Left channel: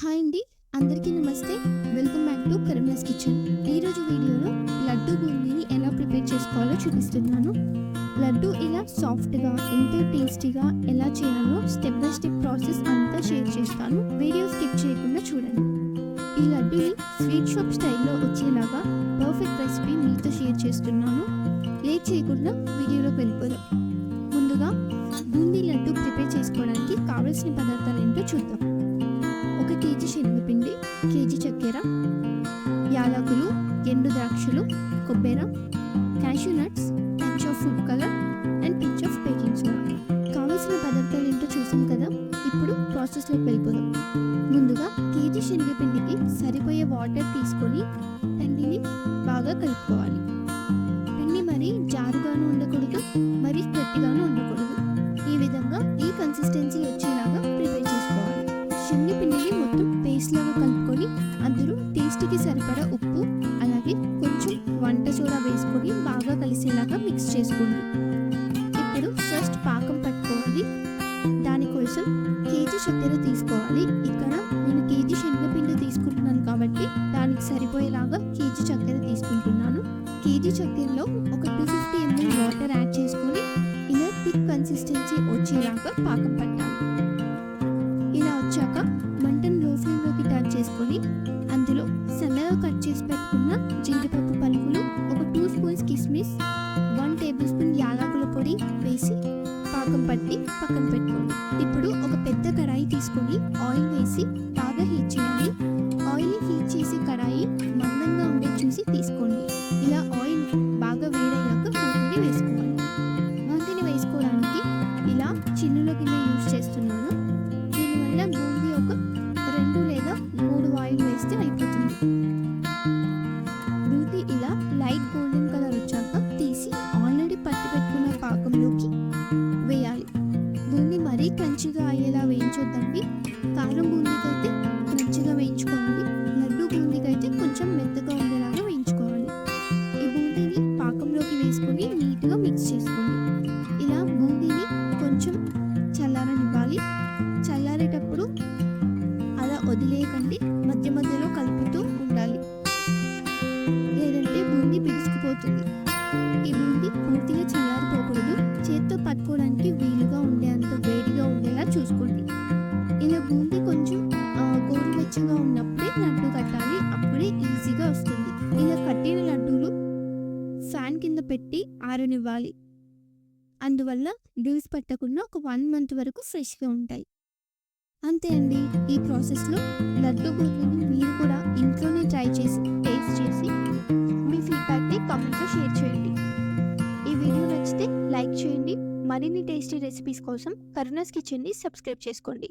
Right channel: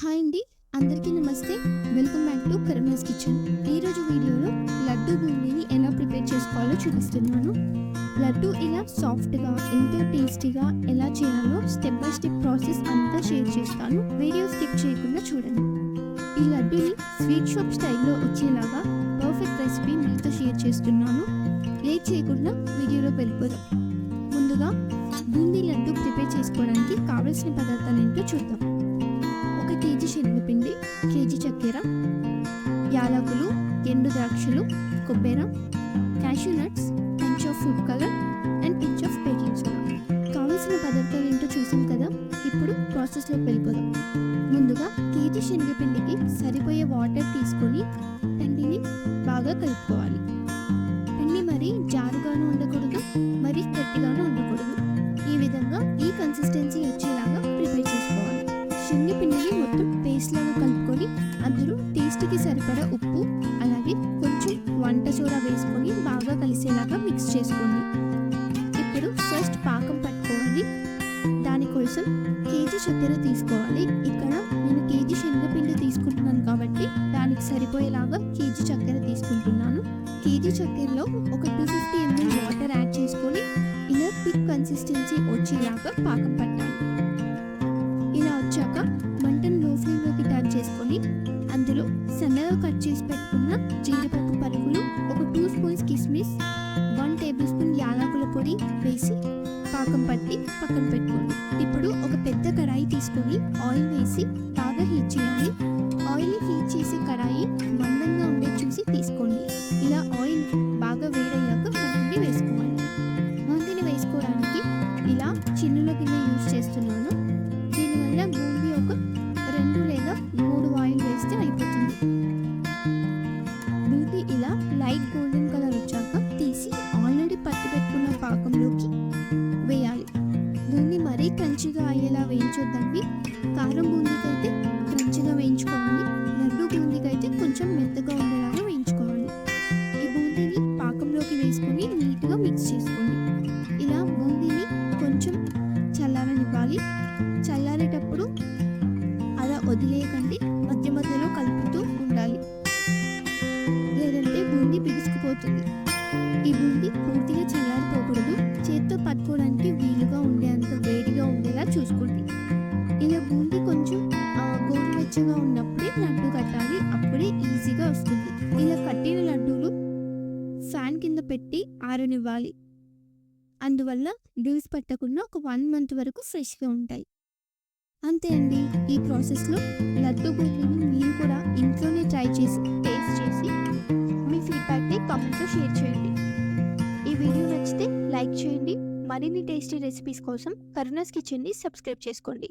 Hi అండి, అందరికీ నమస్తే. Welcome back to Karuna's kitchen. ఈరోజు వీడియోలో లడ్డు బూందీని ఎలా ప్రిపేర్ చేసుకోవాలో చూపిస్తున్నాను. లడ్డు ఇలా సాఫ్ట్గా ఎంతో టేస్టీగా ఎలా చేయాలో స్టెప్ బై స్టెప్ ప్రాసెస్ అంతా షేర్ చేస్తాను. వీడియో స్కిప్ చేయకుండా చూడండి. ఈ లడ్డుని స్వీట్ షాప్ స్టైల్లో వచ్చేలాగా పర్ఫెక్ట్ రెసిపీ మీతో షేర్ చేస్తున్నాను. లేట్ చేయకుండా వీడియోలోకి వెళ్ళిపోదాం. ముందుగా బూందీ లడ్డు ప్రిపేర్ చేసుకోవడానికి కావలసిన పదార్థాలు ఏంటో చూద్దాం. 1 కేజీ శనగపిండి, కేజీ చక్కెర, యాలకులు, ఎండు ద్రాక్షలు, కొబ్బరి, cashew nuts, pinch of food colour and pinch of baking soda. కావలసిన పదార్థాలు ఏంటో చూసాం కదా. ఇప్పుడు ప్రాసెస్లోకి వెళ్ళిపోదాం. ముందుగా కేజీ శనగపిండికి సరిపోయే వాటర్ తీసుకొని పిండిని బాగా కలుపుకోవాలి. పిండి మరీ జారుగాను ఉండకూడదు, మరీ గట్టిగాను ఉండకూడదు. ఈ విధంగా ఈ కన్సిస్టెన్సీ వచ్చేలాగా ప్రిపేర్ చేసుకోవాలి. శనగపిండిని మొత్తం పేస్ట్ లాగా కలుపుకొని అందులో టేస్ట్కి సరిపడా ఉప్పు అలాగే కొంచెం వంట సోడా వేసుకొని బాగా కలిసేలాగా మిక్స్ చేసుకోండి. ఇప్పుడు ఫస్ట్ పాకం పట్టుకోవాలి. దానికోసం కేజీ చక్కెర తీసుకోవాలి. ఇక్కడ నేను కేజీ శనగపిండి తీసుకుంటున్నాను కాబట్టి దానికి సరిపోయేలాగా కేజీ చక్కెర తీసుకుంటున్నాను. కేజీ చక్కెరలో ఒక 250 ml వాటర్ యాడ్ చేసుకొని ఇలా థిక్ కన్సిస్టెన్సీ వచ్చేలాగా పాకం పట్టాలి. ఇలా వచ్చాక మంటను లో ఫ్లేమ్లోకి టర్న్ చేసుకొని అందులో సన్నగా కట్ చేసి పెట్టుకున్న జీడిపప్పు పలుకులు, ఒక 2 స్పూన్స్ కిస్మిస్, 1 టేబుల్ స్పూన్ యాలకుల పొడి వేసి పాకం పట్టి పక్కన పెట్టుకోండి. ఇప్పుడు ఒక పెద్ద కడాయి తీసుకొని ఆయిల్ వేసి బాగా హీట్ చేయాలి. ఆయిల్ని హీట్ చేసి కడాయి మందంగా ఉండే చూసి తీసుకోండి. ఇలా ఆయిల్ బాగా వేడయ్యాక బూందీని వేసుకోవాలి. బూందీని వేసుకోవడానికి ఇలా చిన్నుల గిన్నె యూజ్ చేస్తున్నాను. దీనివల్ల బూందీ ఒక 2 లేదా 3 ఆయిల్ వేస్తే అయిపోతుంది. బూందీ ఇలా లైట్ గోల్డెన్ కలర్ వచ్చాక తీసి ఆల్రెడీ పట్టి పెట్టుకున్న పాకంలోకి వేయాలి. బూందీ మరీ క్రంచిగా అయ్యేలా వేయించొద్దండి. కారం బూందీకైతే క్రంచిగా వేయించుకోవాలి, లడ్డు బూందీకైతే కొంచెం మెత్తగా ఉండేలాగా వేయించుకోవాలి. ఈ బూందీని పాకంలోకి వేసుకొని నీట్గా మిక్స్ చేసుకోండి. ఇలా బూందీని కొంచెం చల్లారనివ్వాలి. చల్లారేటప్పుడు అలా వదిలేయకండి, మధ్య మధ్యలో కలుపుతూ ఉండాలి, లేదంటే బూందీ బిగుసుకుపోతుంది. ఈ బూందీ పూర్తిగా చల్లారిపోకూడదు. చేత్తో పట్టుకోవడానికి వీలుగా ఉండేంత వేడిగా ఉండేలా చూసుకోండి. ఇలా బూందీ కొంచెం గోరువెచ్చగా ఉన్నప్పుడే లడ్డు కట్టాలి, అప్పుడే ఈజీగా వస్తుంది. ఇలా కట్టిన లడ్డూలు ఫ్యాన్ కింద పెట్టి ఆరనివ్వాలి. అందువల్ల డ్యూస్ పట్టకుండా ఒక 1 month వరకు ఫ్రెష్గా ఉంటాయి. అంతే అండి. ఈ ప్రాసెస్లో లడ్డు బూందీని మీరు కూడా ఇంట్లోనే ట్రై చేసి టేస్ట్ చేసి మీ ఫీడ్బ్యాక్ని కామెంట్లో షేర్ చేయండి. ఈ వీడియో నచ్చితే లైక్ చేయండి. మరిన్ని టేస్టీ రెసిపీస్ కోసం కరుణాస్ కిచెన్ని సబ్స్క్రైబ్ చేసుకోండి.